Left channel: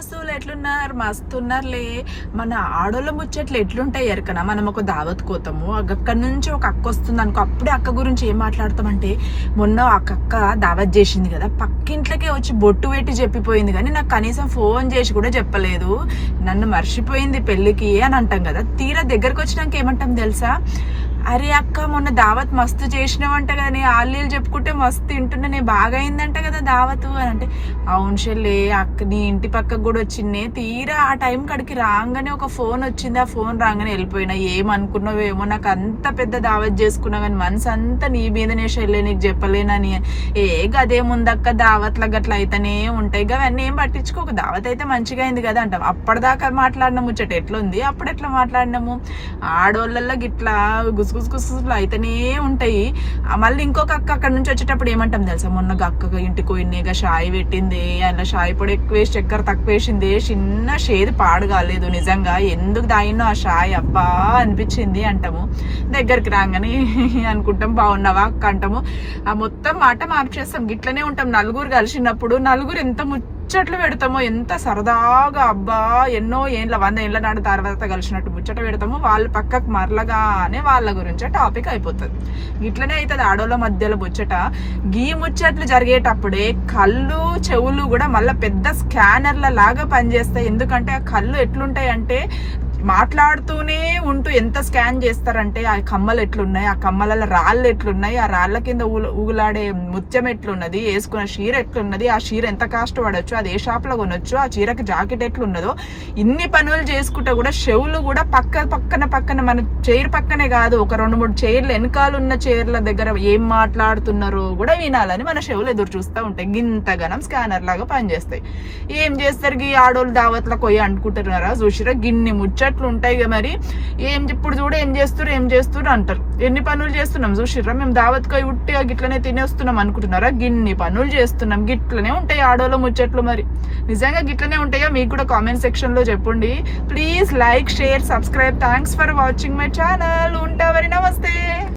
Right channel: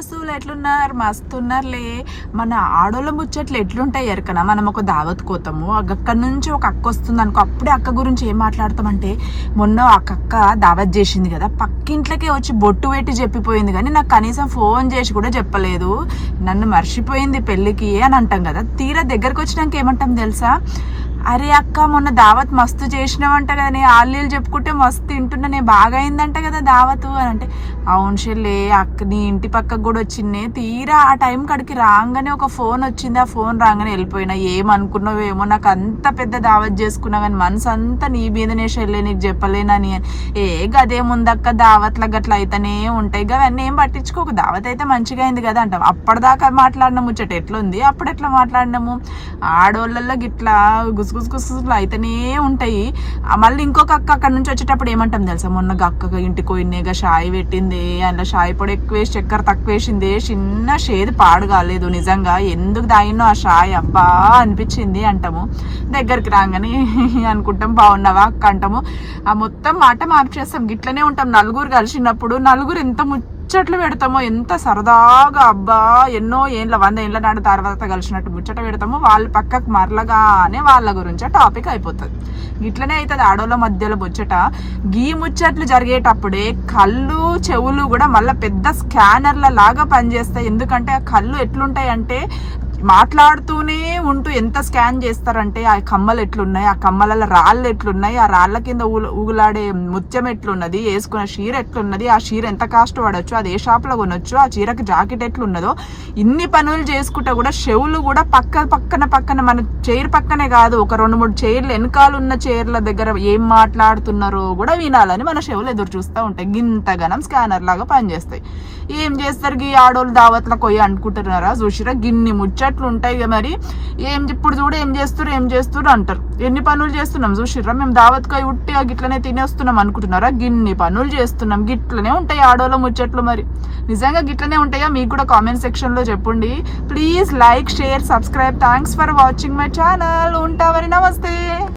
దోస్తులు ఎట్లున్నారు? మస్తున్నారులే. మన ఆడోళ్ళ ముచ్చట్లు ఎట్లుంటాయి ఎరకనా? మనం ఒక దావత్ కోతాము, అక్కడి నుంచి ఒక అక్క వస్తుంది అనుకో, అప్పుడే అక్క గురించి ఏం మాట్లాడతామంటే, మొన్న ఆ అక్క దావత్ చేసింది కదా, పక్కింట్లోకే వచ్చి బొట్టు పెట్టి చెప్పిపోయింది, కానీ నాకు కనీసం ఫోన్ చేసి కూడా చెప్పలేదు, నన్ను మర్చిపోయింది పెళ్ళికి అని అంటాం కదా. తీరా దగ్గరకు వచ్చినాక ఏమంటాం తెలుసా? అరే అక్క, మొన్న దావత్ మస్తు చేసినావంట కదా, నేను ఆలీలు చెప్పుకుంటే మస్తు తింటున్నా, నేను బాగా అయిందంట కదా దావత్ అని అంటే, అవును చెల్లే, అక్క నీ ఇంటి పక్కకు కూడా వచ్చిందే. తీరా ఆ టైం కాడికి రాగానే ఒక ఫోన్ వచ్చింది, ఆ ఫోన్ రాగానే వెళ్ళిపోయినా. ఏమనుకున్నావేమో, నాకు అంత పెద్ద దావత్ చేసుకున్నా కానీ మనసు అంతా నీ మీదనే చెల్లే, నీకు చెప్పలేనని. గదేముందక్క, దావత్ల గట్ల అయితేనే ఉంటాయి అవన్నీ, ఏం పట్టించుకోక, దావత్ అయితే మంచిగా అయింది కదా అంటాం. అప్పటిదాకా మాట్లాడిన ముచ్చట ఎట్లుంది, అప్పుడు ఎట్లా మాట్లాడినాము. ఆడోళ్ళల్లో గిట్లా గుసగుసలు అయితేనే ఉంటాయి. మళ్ళీ ఇంకొక అక్క అక్కడ నుంచి వచ్చేటప్పుడు ఏమంటాం తెలుసా? మొన్న అక్క ఇంటికి పోయినాక షాయి పెట్టింది, అలా షాయి పొడి ఎక్కువ వేసి చక్కెర తక్కువ వేసింది, చిన్న షేది పాడు కాలేదు, నిజంగా ఎందుకు దాగినో ఆ షాయి, అబ్బా అనిపించింది అంటాము. దగ్గరికి రాగానే అనుకుంటాం బాగున్నావా అక్క అంటాము. ఆ మొత్తం మాట మార్చేస్తాం. గిట్లనే ఉంటాం. నలుగురు కలిసినప్పుడు నలుగురు ఎంత ముచ్చట్లు పెడతామో, ఎంత సరదాగా, అబ్బా ఎన్నో ఏండ్ల 100 ఏళ్ళ నాడు తర్వాత కలిసినట్టు ముచ్చట పెడతామో, వాళ్ళు పక్కకు మరలగానే వాళ్ళ గురించే టాపిక్ అయిపోతుంది. ఇట్లనే అవుతుంది ఆడోళ్ళ మధ్యలో ముచ్చట. గీ ముచ్చట్లు జరిగేటప్పుడే కళ్ళు చెవులు కూడా మళ్ళీ పెద్ద స్కానర్ల లాగా పనిచేస్తాయి. ఎందుకంటే ఆ కళ్ళు ఎట్లుంటాయి అంటే, మాట్లాడుతూనే ఉంటూ ఎంత స్కాన్ చేస్తారంటే, ఆ కమ్మలు ఎట్లున్నాయి, ఆ కమ్మల రాళ్ళు ఎట్లున్నాయి, ఆ రాళ్ళ కింద ఊగులాడే ముత్యం ఎట్లున్నది, వేసుకున్న చీర ఎట్లున్నది, ఆ చీర ఎంత కాస్ట్ పడవచ్చు, అది ఏ షాప్ లో కొనొచ్చు, ఆ చీరకి జాకెట్ ఎట్లున్నదో, ఇన్ని పనులు చేసుకుంటా కూడా చెవులు కూడా పక్కన మన చైర్ పక్కనే కాదు, ఒక 2-3 చైర్లు వెనకాల ఉన్న చైర్ల దగ్గర ఏం మాట్లాడుతున్నారో కూడా వినాలని మన చెవులు ఎదురు చూస్తూ ఉంటాయి. గింతగనం స్కానర్ లాగా పనిచేస్తాయి. ఏం చేస్తారు గీ ఆడోళ్ళు దావత్లకు పోయి అనుకుంటున్నారా? చూసిరా గిన్ని ముచ్చట్లు ఉంటాయి మరి. ఇప్పుడు చూడ ఏం చేస్తారు అంటారు. ఎన్ని పనులు చేస్తున్నాం చూసిర్రా? మేము దావత్కు పోయి ఉట్టిగా గిట్లనే తినేస్తున్నాం అనుకుంటున్నారా? గిన్ని పనులు చేస్తున్నాం. గిట్లనే ఉంటాయి ఆడోళ్ళ ముచ్చట్లు మరి. నిజంగా గిట్లనే ఉంటాయా? మీకు కూడా కామెంట్ సెక్షన్ లో చెప్పండి. Please like, share, subscribe. Thanks for watching my channel. ఉంటా మరి, నమస్తే.